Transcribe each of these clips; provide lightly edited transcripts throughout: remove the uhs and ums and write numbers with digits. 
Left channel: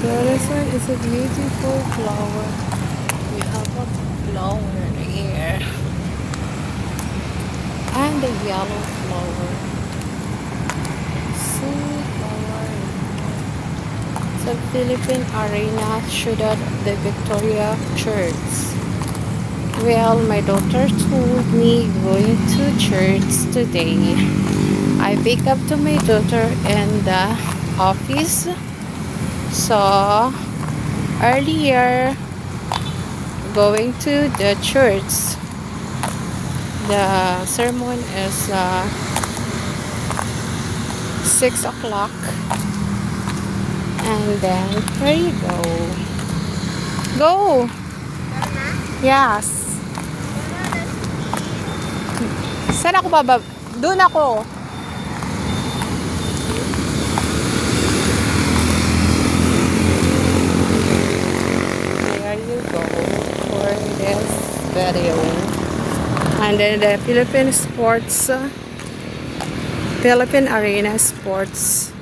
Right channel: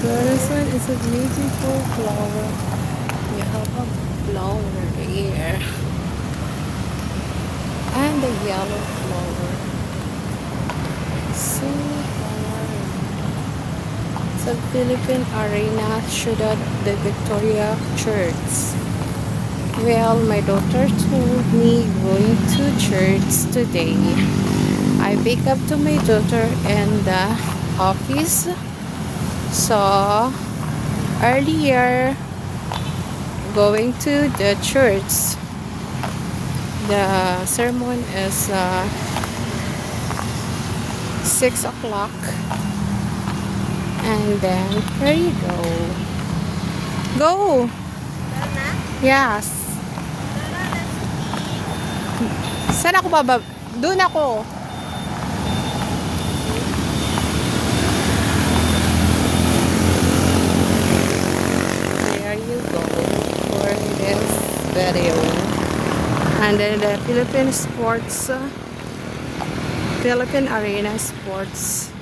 So this one is a beautiful flower. We have a flower here. And a yellow flower. So flowery. Sa Philippine Arena, Ciudad de Victoria Church. Well, my daughter told me going to church today. I pick up to my daughter in the office. So earlier going to the church. The sermon is 6 o'clock. And then, here you go. Go! Yes. Saan ako babab? Doon ako. There you go for this video. And then the Philippine Arena Sports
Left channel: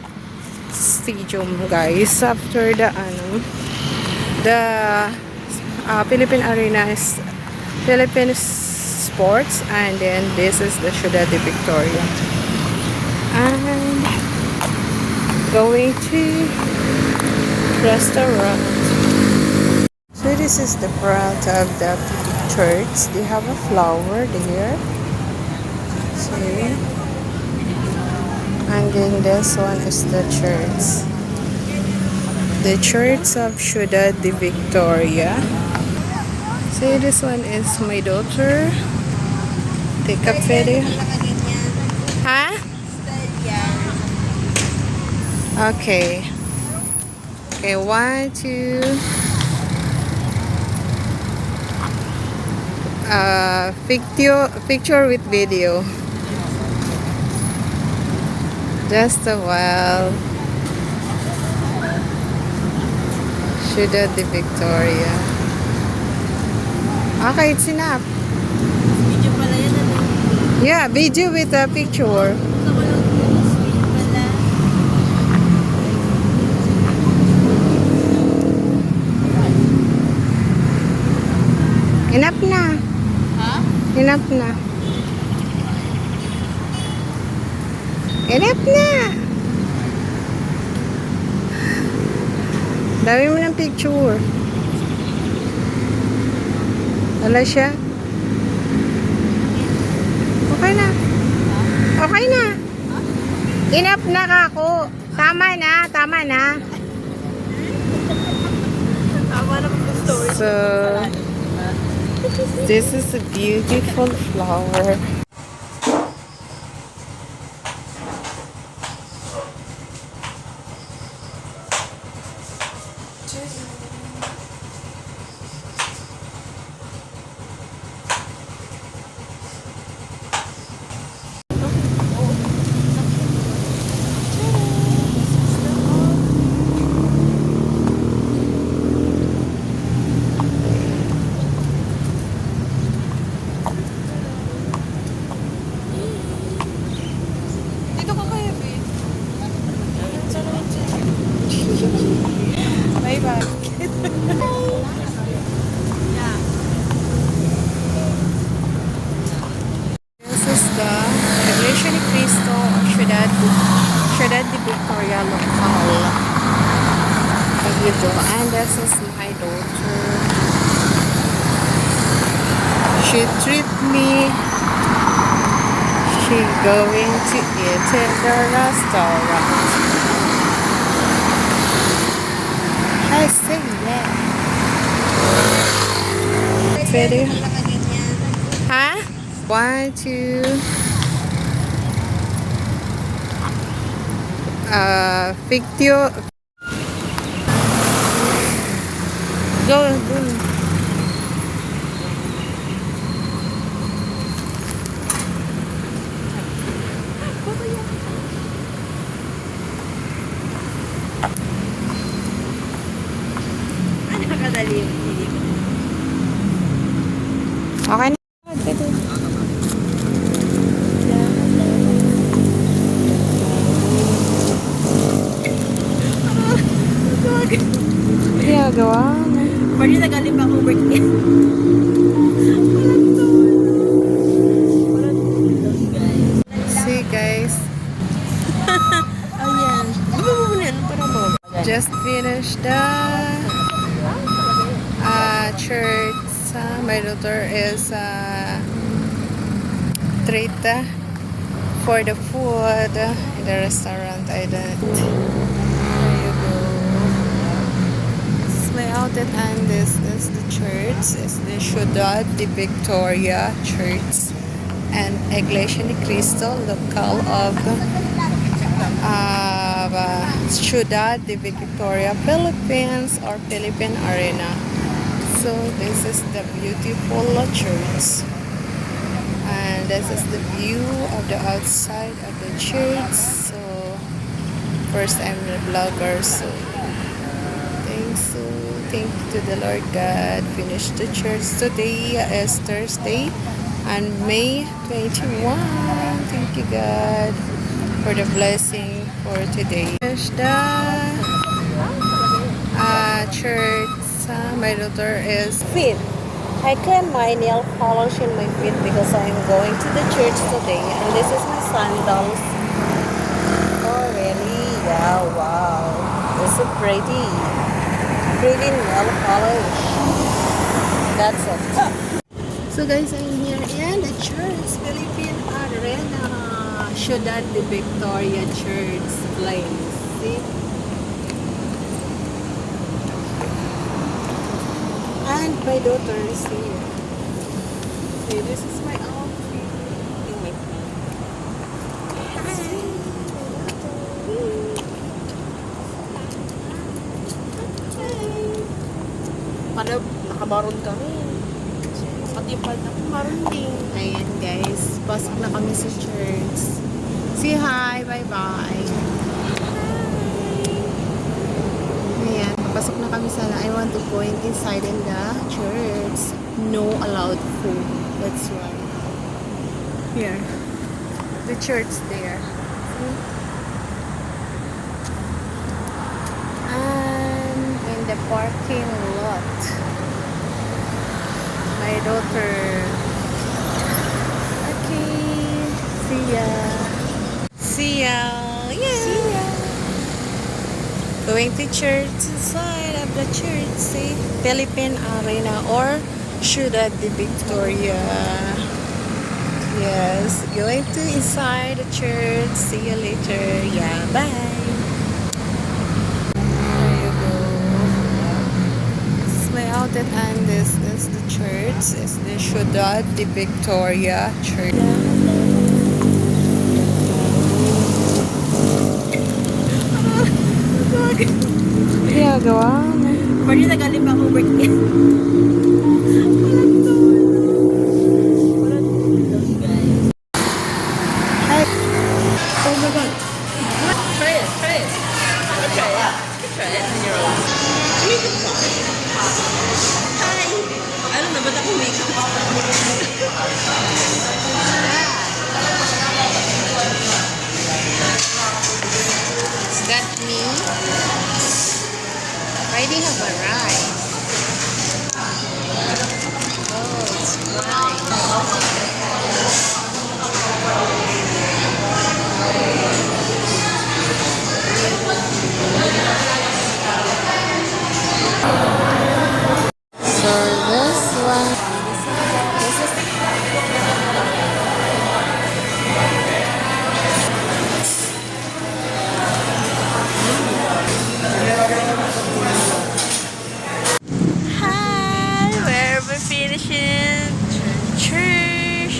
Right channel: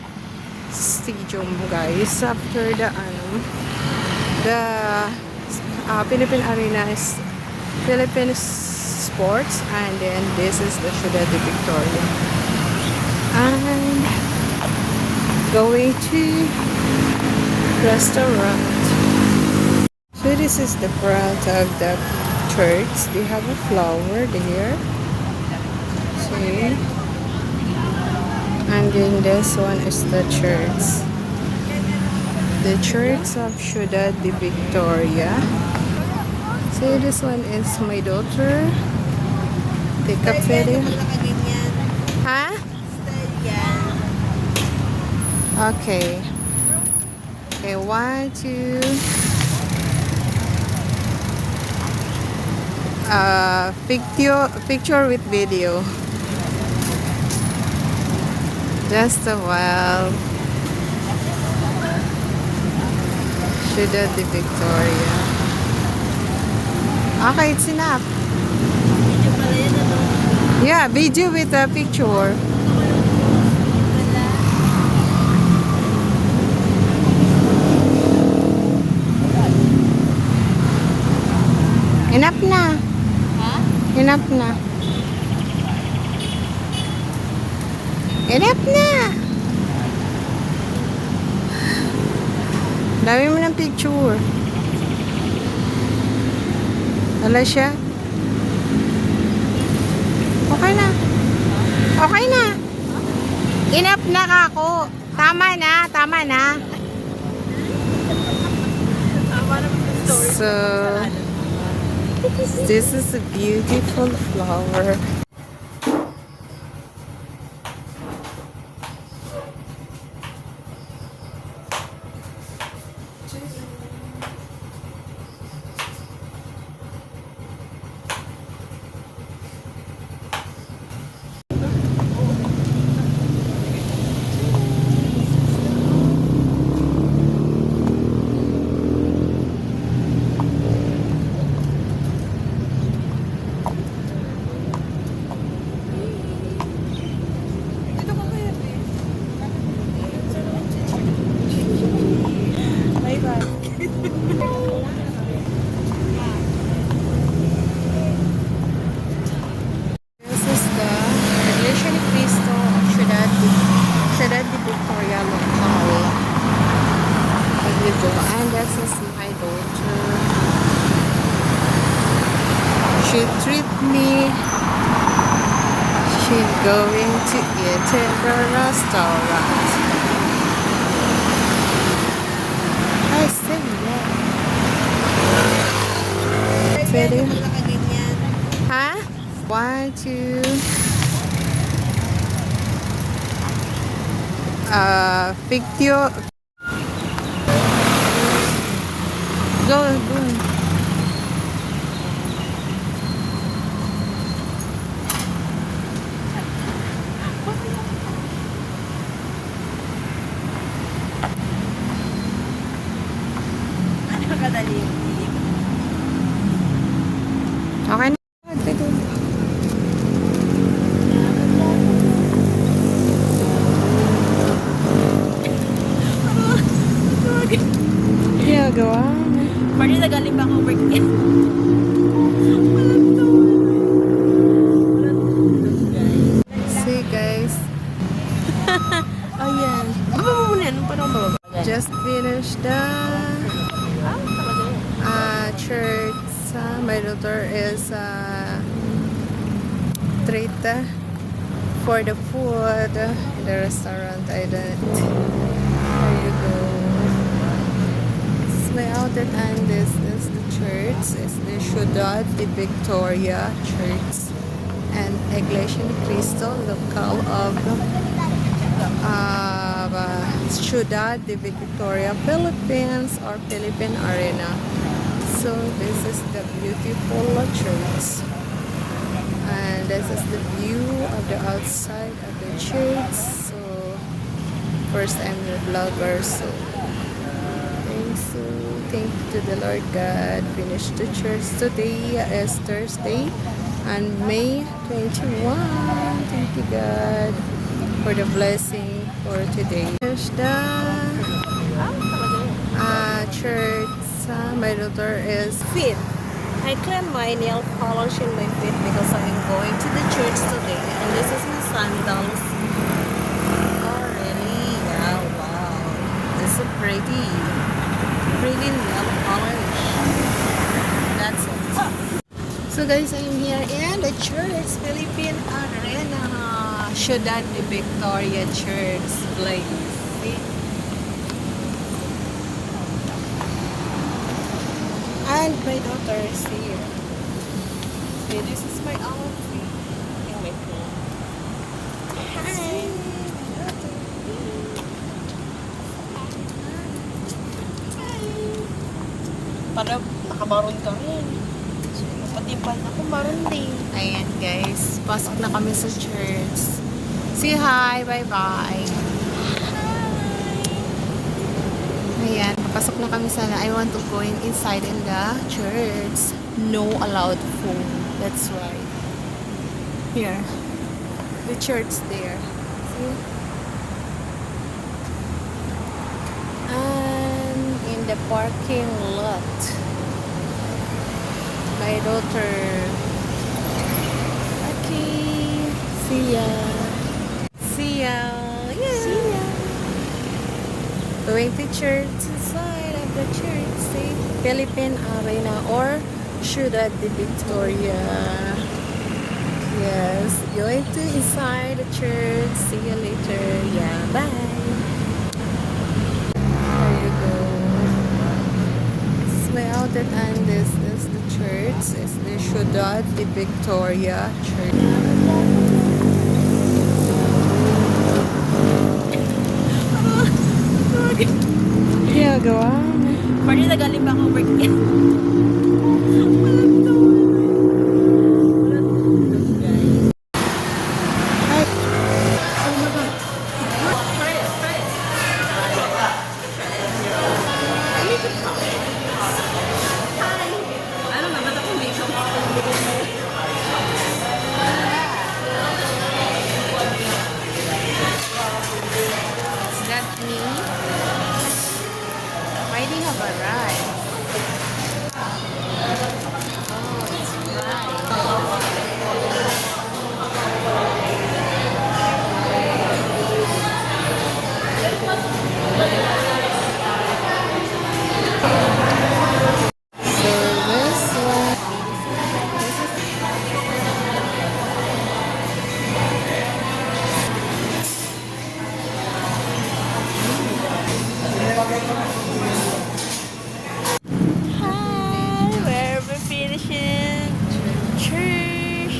Stadium, guys. After the Philippine Arena is Philippine Sports, and then this is the Ciudad de Victoria. And going to restaurant. So this is the front of the church. They have a flower there. See? And then this one is the church. The Church of Ciudad de Victoria. See, this one is my daughter. Pick up video. Huh? Okay. Okay, 1, 2. Picture with video. Just a while. Ciudad de Victoria. Okay, it's enough. Video pala yan, ano? Yeah, video with a picture. Enough na. Ha? Enough na. Enough na. Dami mo ng picture. Wala siya. Okay na. Okay na. Enough na kako. Tama na. Tama na. Tama naman yung story. So, this is a beautiful flower. Ciudad de Victoria local. There you go. And this is my daughter. She treat me. She going to eat in the restaurant. I say yeah. Video. Huh? 1, 2. Picture. Go. Okay na. Ginagawa mo. Pwede nagaling pa akong birthday. See guys, Oh yeah. Yan, para mo. just finished the church. My daughter is treat for the food in the restaurant I did. There you go. This is my outlet and this is the church. It's the Ciudad de Victoria Church and Iglesia ni Cristo, local of Ciudad de Victoria, Philippines or Philippine Arena. So this is the beautiful church. And this is the view of the outside of the church. So first I'm the vlogger. So thank to the Lord God. Finished the church today is Thursday and May 21. Thank you God for the blessing for today. Finished the church. My daughter is fit. I claim my nail polish in my feet because I am going to the church today, and this is my sandals. Oh really? Yeah, wow. It's so pretty. Pretty nail polish. That's it. So guys, I'm here in the church, Philippine Arena, Ciudad de Victoria Church place. See? And my daughter is here. See, this is my outfit. Yung my phone. Hi, my daughter. Para nakabaron ka rin. Pati yung palda ko, baron din. Ayan guys, pasok na kami sa church. Say hi, bye-bye. Ayan, papasok na kami sana. I want to go inside in the church. No allowed food. That's why. Here. The church there. See? And in the parking lot. My daughter. Okay. See ya. See ya. Yeah. See ya. Going to church inside of the church. See? Philippine Arena or Ciudad de Victoria. Yes. Going to inside the church. See you later. Yeah. Bye. There you go. This is my outlet and this is the church. It's the Ciudad de Victoria Church. Ginagawa mo. Pwede nagaling pa akong birthday. Hi. Ano na, ba't ako makeup? Is that me? Why do you have a rice? Oh, it's nice. So this one. Hi, where we finishing? Church.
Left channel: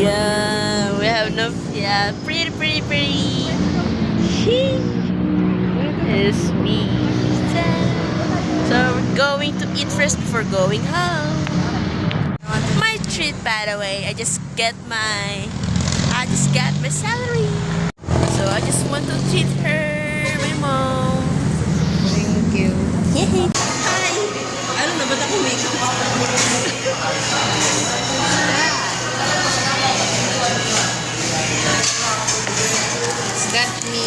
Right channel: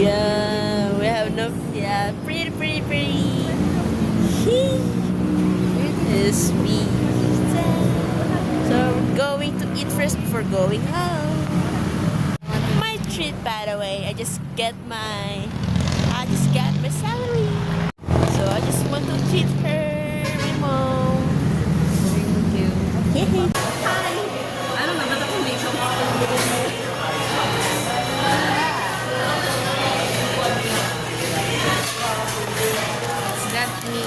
Yeah, we have enough. Yeah, pretty. It's me. So we're going to eat first before going home. My treat, by the way. I just got my salary. So I just want to treat her, my mom. Thank you. Yay! Hi! Ano na, ba't ako makeup? Is that me?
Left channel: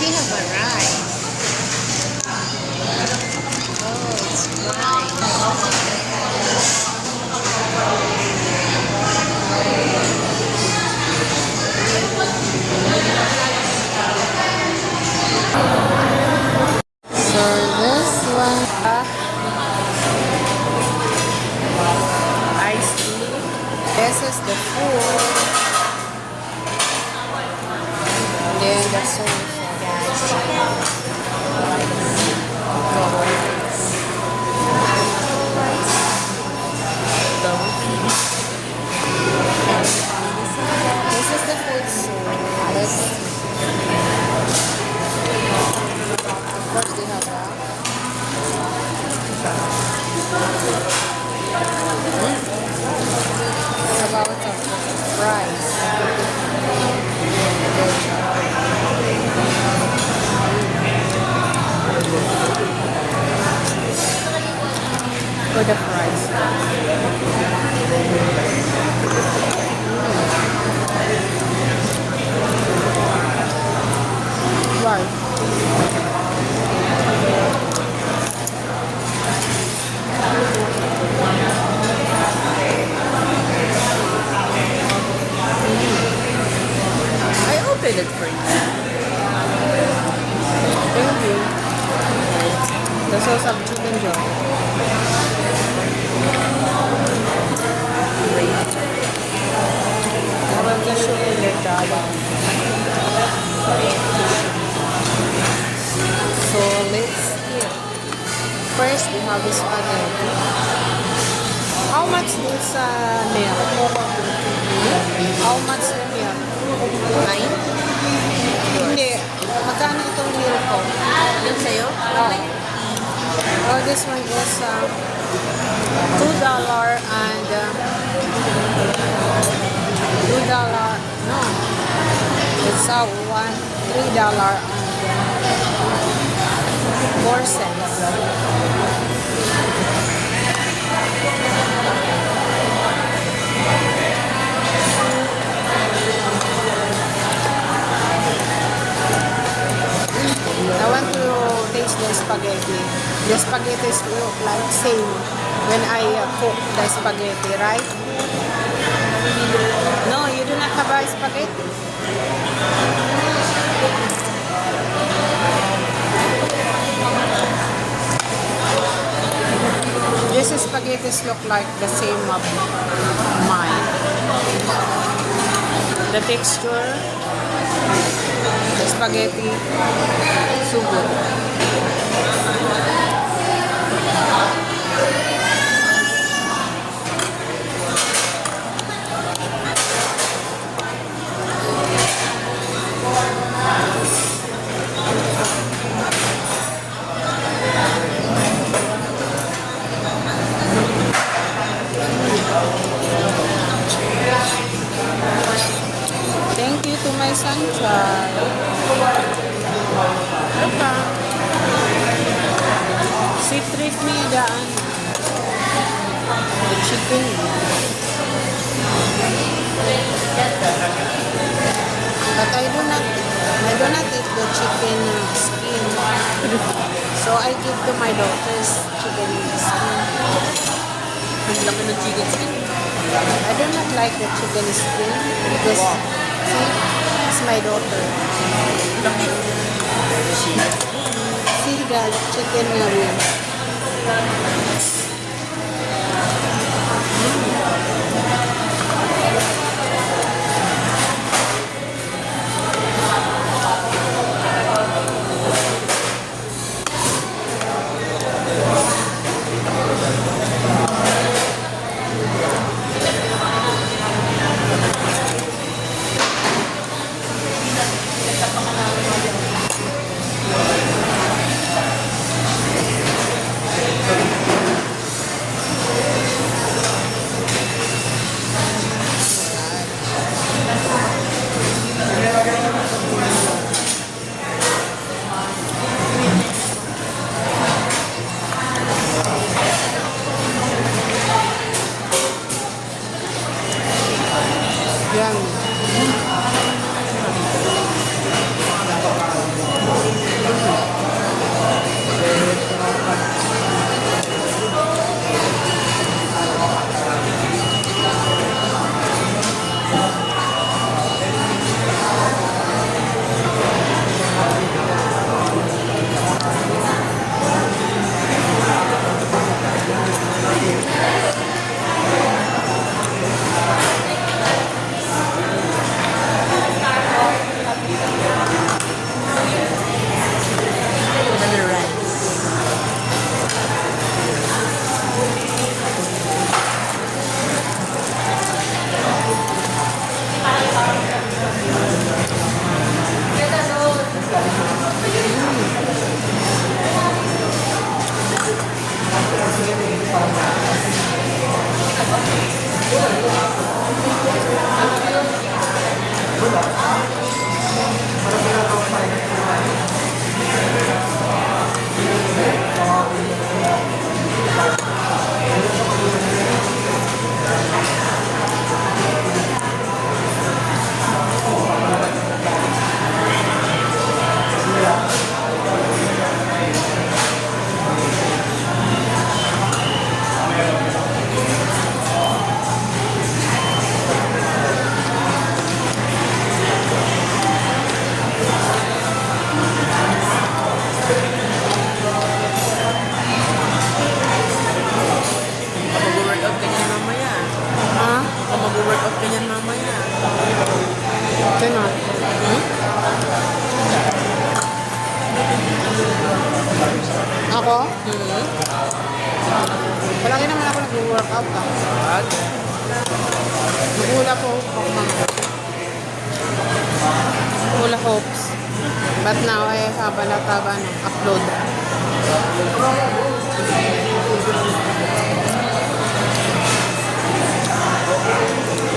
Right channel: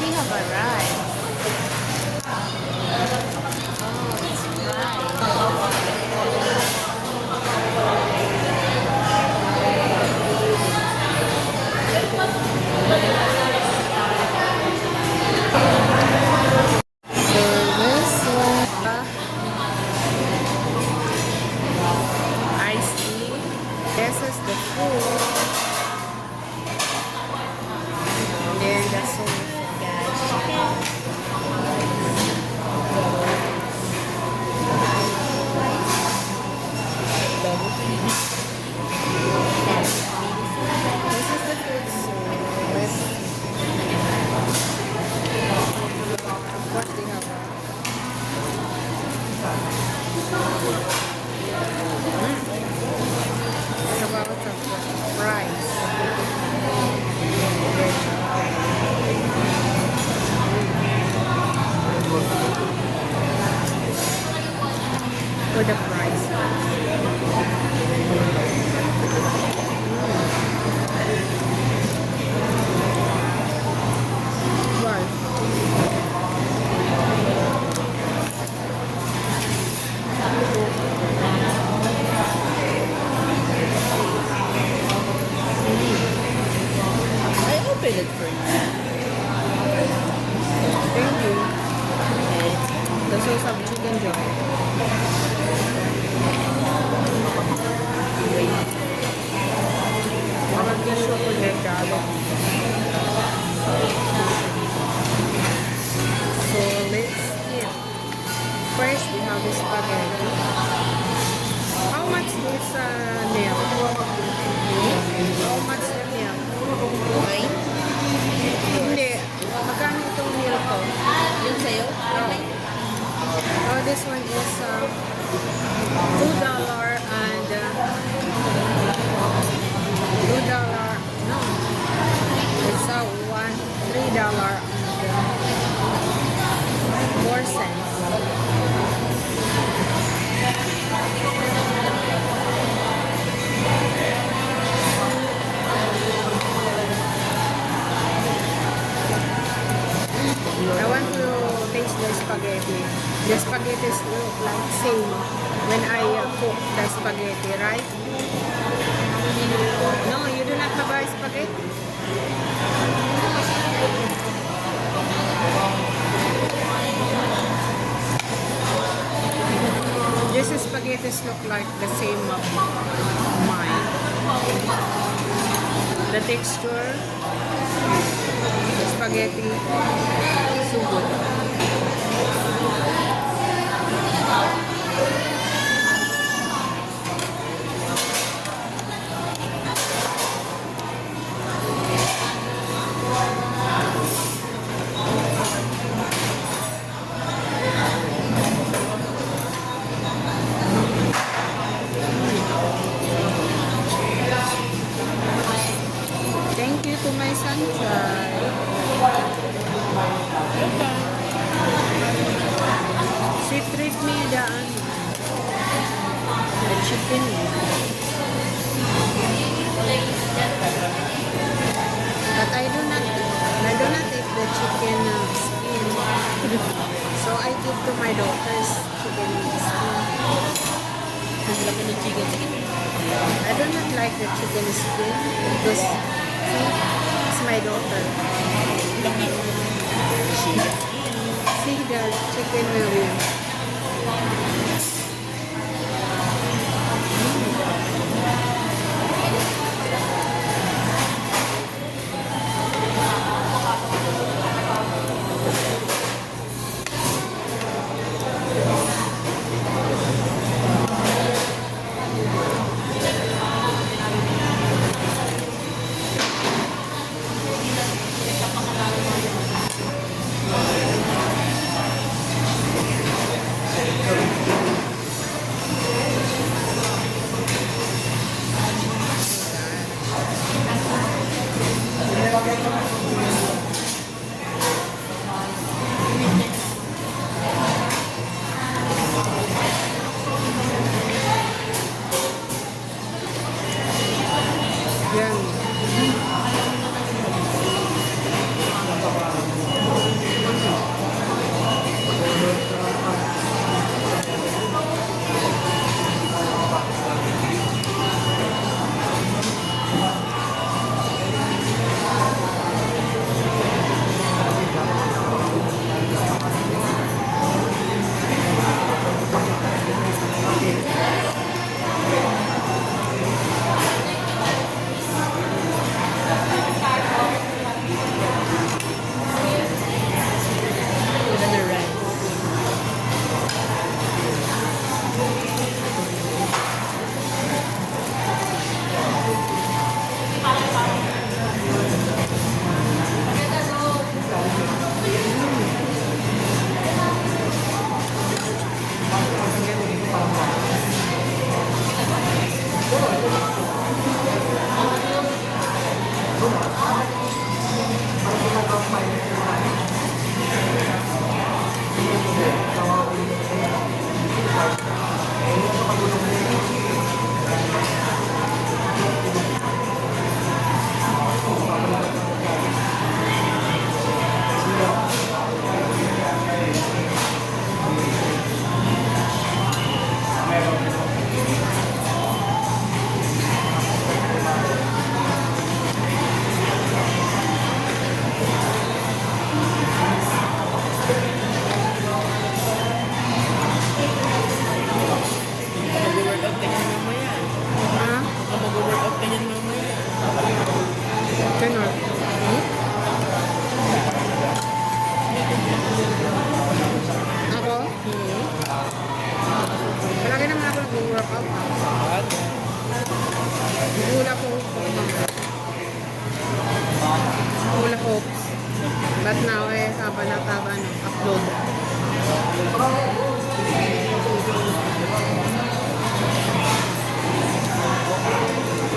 they have a rice. So this one, iced tea. This is the food. Then the this is the food soup. Of course they have that. It's about rice. For the fries. Right. I opened it for you. Thank you. The sauce of chicken joe. Well, the soup with their jolly. So let's eat. First, we have this spaghetti. How much is meal? How much the meal? Mine? Hindi. Magkano itong meal ko? Yung sa'yo? Oh, this one is $2 and $2. No, it's $3 and 4 cents. I want to taste the spaghetti. The spaghetti look like same when I cook the spaghetti, right? No, you do not have a spaghetti. This spaghetti look like the same of mine. The texture, spaghetti, so good. Thank you to my sunshine. She treat me the chicken. But I do not eat the chicken skin. So I give to my daughter's chicken skin. Ang laki ng chicken skin. I do not like the chicken skin because she's my daughter. Laki. See the chicken wings. taba, upload.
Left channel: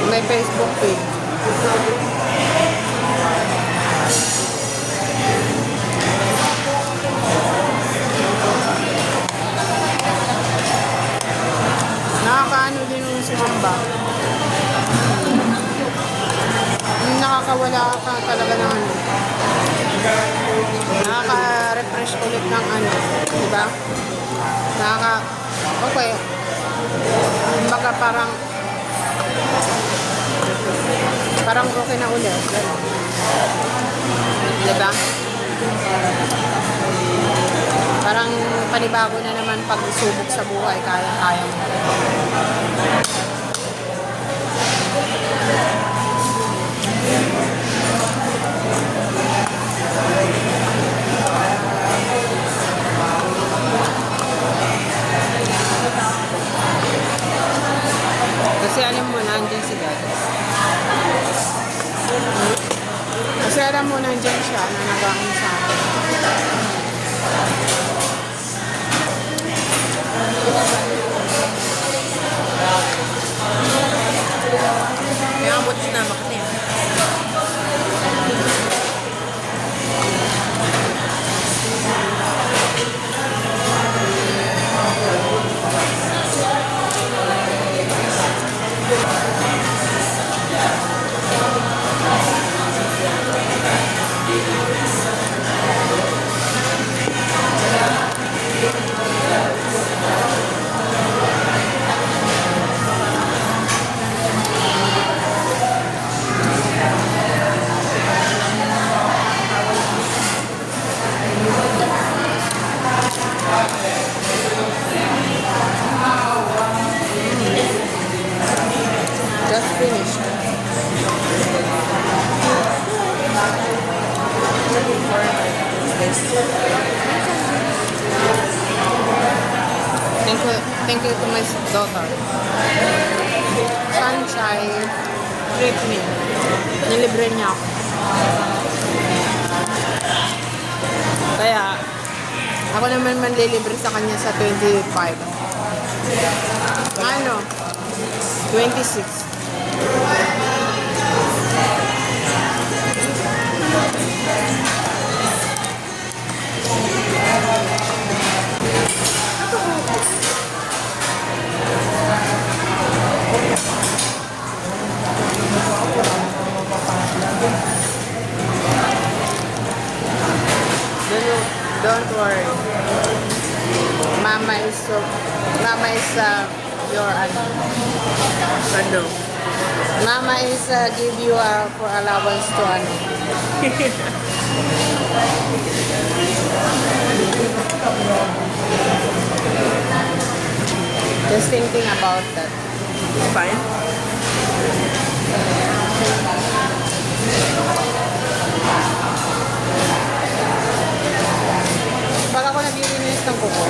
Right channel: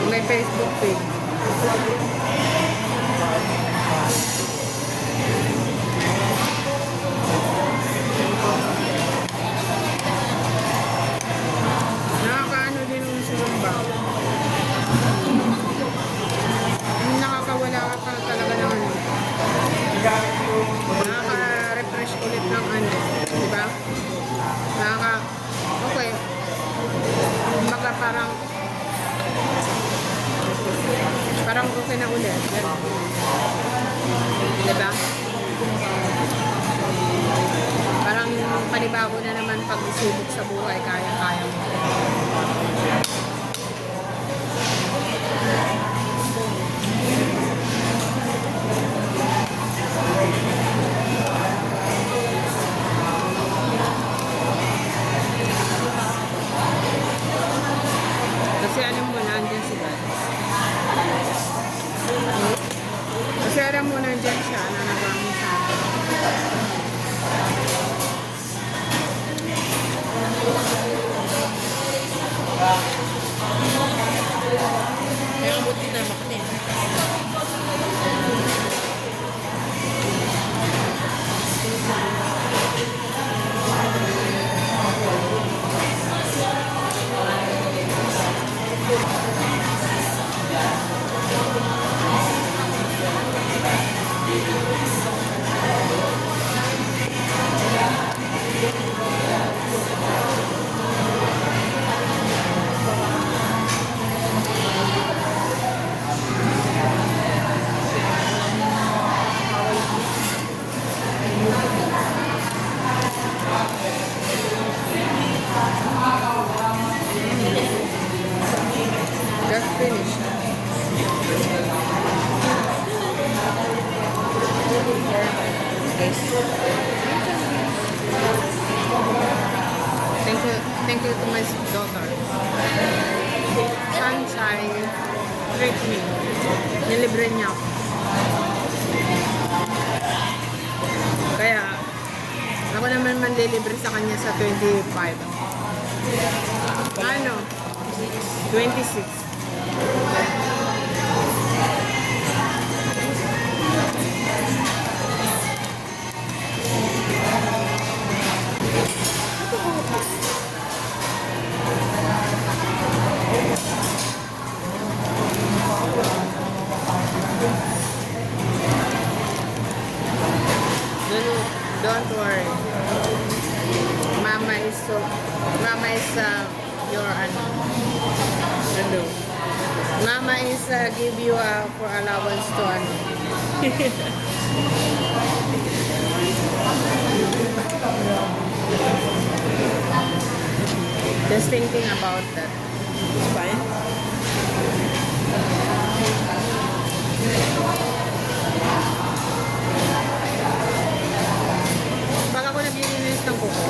May Facebook page. Nakakaano din yung sumamba. Nakakawala ka talaga ng ano. Nakaka-refresh ulit ng ano. Diba? Okay. Baka parang okay na ulit. Ganun. Diba? Parang panibago na naman pag-subok sa buhay. Kaya-kaya mo. Kasi alam mo, nandyan si God. Kasi alam mo, nandyan siya na nagawin sa akin. May ang buti na makli. Just finished. Thank you to my daughter. Sunshine treat me. Nilibre niya ako. Kaya, ako naman manlilibre sa kanya sa 25. Ano? 26. Don't worry. Mama is your ano. Mama is give you for allowance to ano. Just thinking about that. Fine. Pag ako naglilinis ng kuko,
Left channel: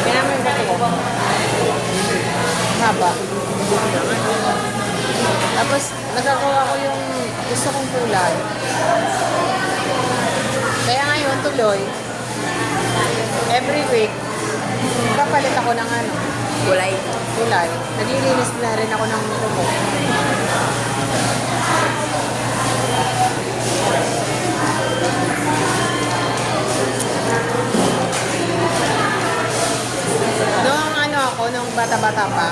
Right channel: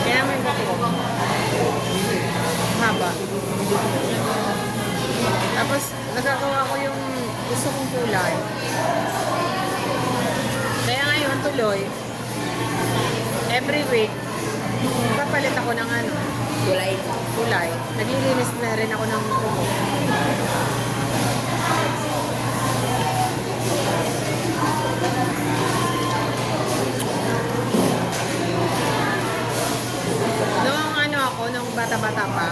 kaya naman dali. Haba. Tapos, nagagawa ko yung gusto kong kulay. Kaya ngayon, tuloy, every week, kapalit ako ng ano, Kulay. kulay. Naglilinis na rin ako ng kuko. Noong ano ako, nung bata-bata pa,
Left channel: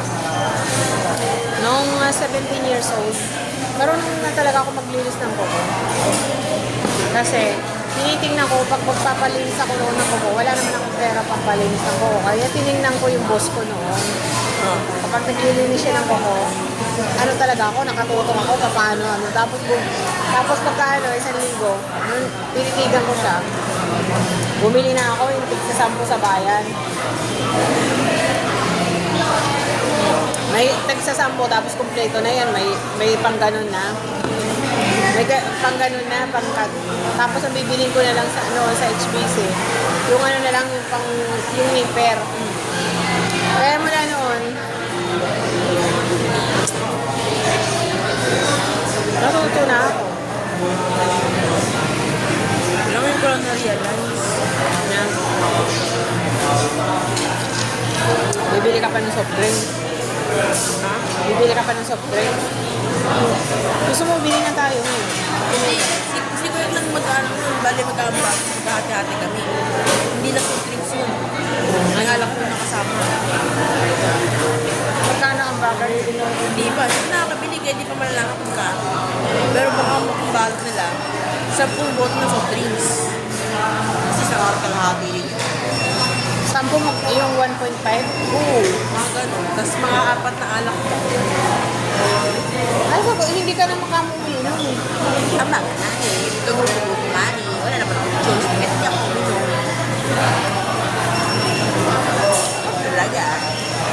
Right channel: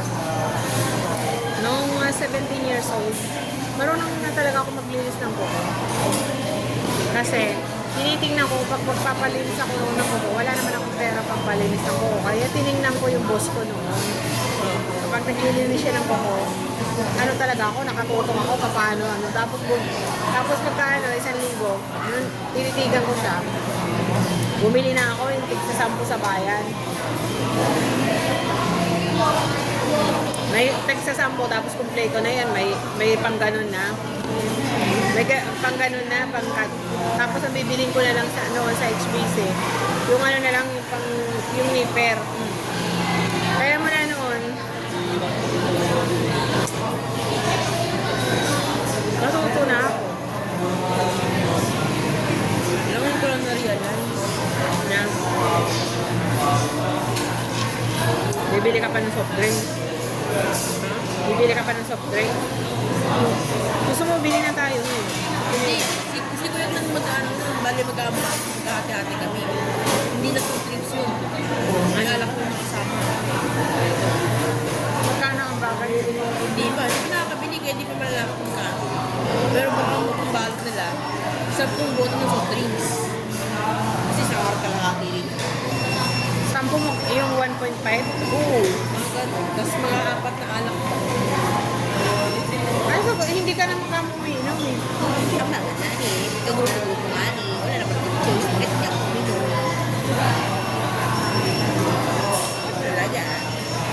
nung 17 years old, marunong na talaga ako maglinis ng kuko. Kasi, tinitingnan ko, pag magpapalinis ako ng kuko, wala naman akong pera pampalinis ng kuko. Kaya tinignan ko yung boss ko noon. Kapag naglilinis siya ng kuko, ano talaga ako, nakatulong ako, paano, ano. Tapos pagka, isang linggo, tititigan ko siya. Bumili na ako yung tig-10 sa bayan. May tig-10, tapos kumpleto na yun. May pang ganun na. May pang ganun na, pangkat. Tapos ang bibilin ko na lang sa HBC. Yung ano na lang, yung nipper. Kaya mula noon, natuto na ako. Ilang ko lang na rin 10 bote ng soft drinks. Kasi sa kalahati rin. 10 yung 1.5? Oo, mga ganun. Tapos mga 4 na alak. Ay, so, hindi ka na makamuminom. Tama ka na eh. Ikaw mo sa buong mani. Wala naman akong choice. Kahit hindi ako uminom. Talaga.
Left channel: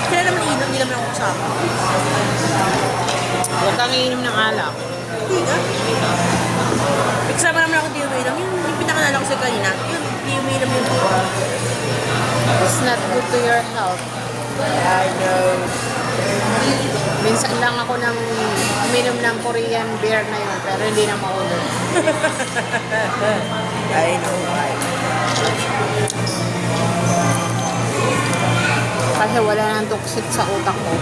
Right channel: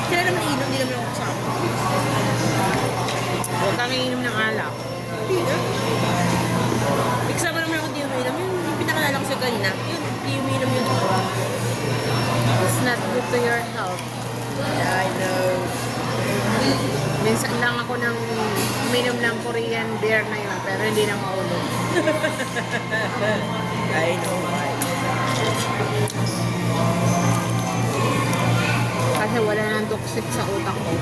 Kaya naman inom, hindi naman ako kasama. Huwag kang iinom ng alak. Hindi na. Kasama naman ako di uminom. Yung pinakalala ko sa kanina. Yun, di uminom yun. It's not good to your health. I know. Minsan lang ako nang uminom ng Korean beer na yun, pero hindi na maulo. I know. Kasi wala nang toxic sa utak ko.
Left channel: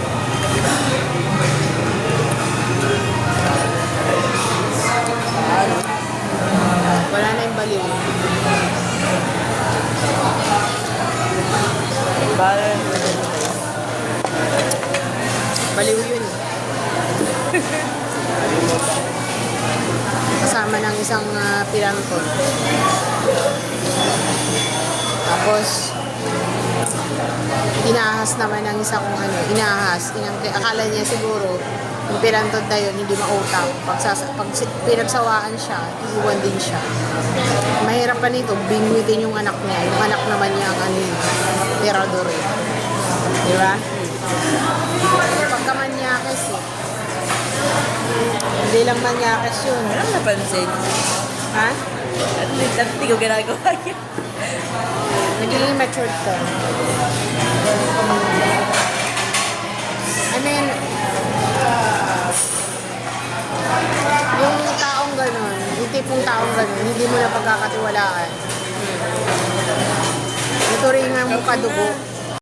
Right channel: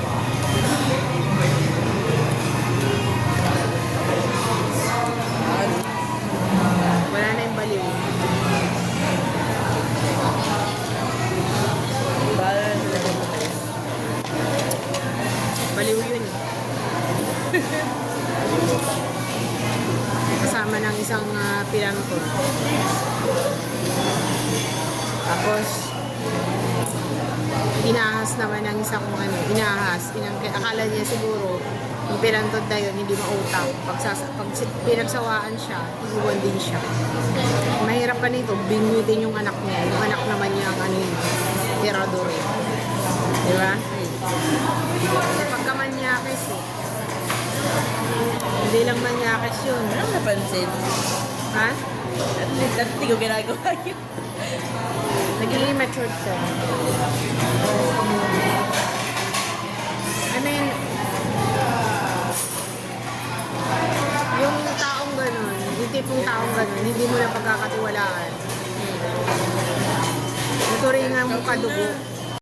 Wala na yung baliw. Baliw yun. Kasama ng isang piranto. Tapos, inahas naman ng isang inahas. Akala niya siguro, yung pirantod na yun, hindi mautang. Pag pinagsawaan siya, iwan din siya. Mahirap pa nito, bingwitin yung anak niya. Yung anak naman niya ang tirador eh. Di ba? Pagkamanyakis eh. Hindi lang manyakis yun. Ano napansin? Ha? Hindi ko ginagawa yun. Naging matured ka.